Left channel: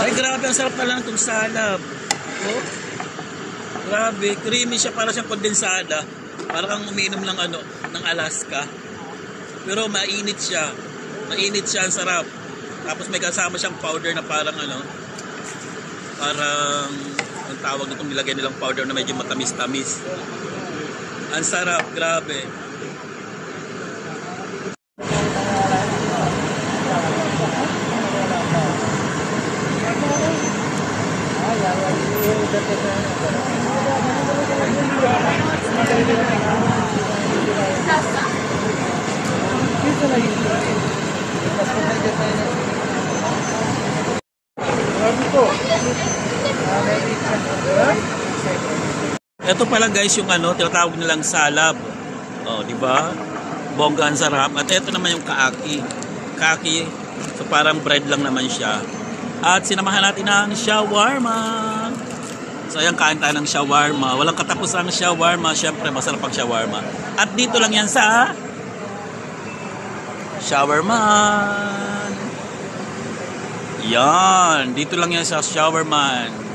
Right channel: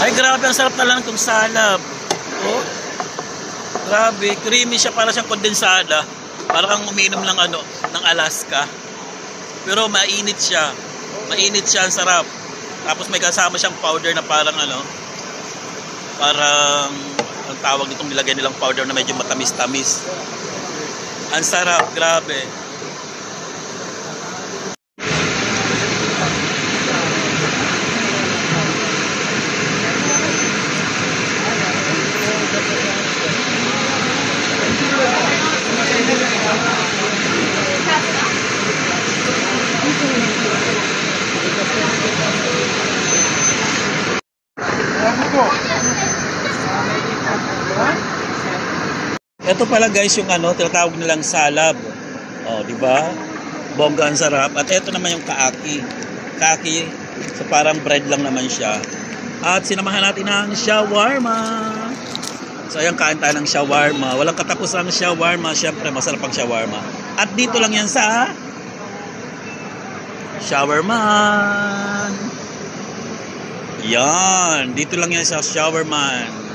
Ay, grabe, ang sarap na lang itong salab. Oh, grabe, creamy siya, para siyang kondensada. Parang uminom lang ano, ng Alaska. Pero mainit siya. Mainit siya, ang sarap. Tapos may kasama siyang powder na parang ano, parang ang tawag nitong nilagay nilang powder na medyo matamis-tamis. Ang sarap, grabe. Ito pala guys yung ano, tinatawag nilang salab. Oh, di ba? Bongga, ang sarap. At ito naman yung kaaki. Kaaki, so parang bread lang naman siya. At sinamahan natin ng shawarma. So ayan, kain tayo ng shawarma. Walang katapusang shawarma. Syempre, masarap ang shawarma. At dito lang yan sa Shawarman. Yan, dito lang yan sa Shawarman.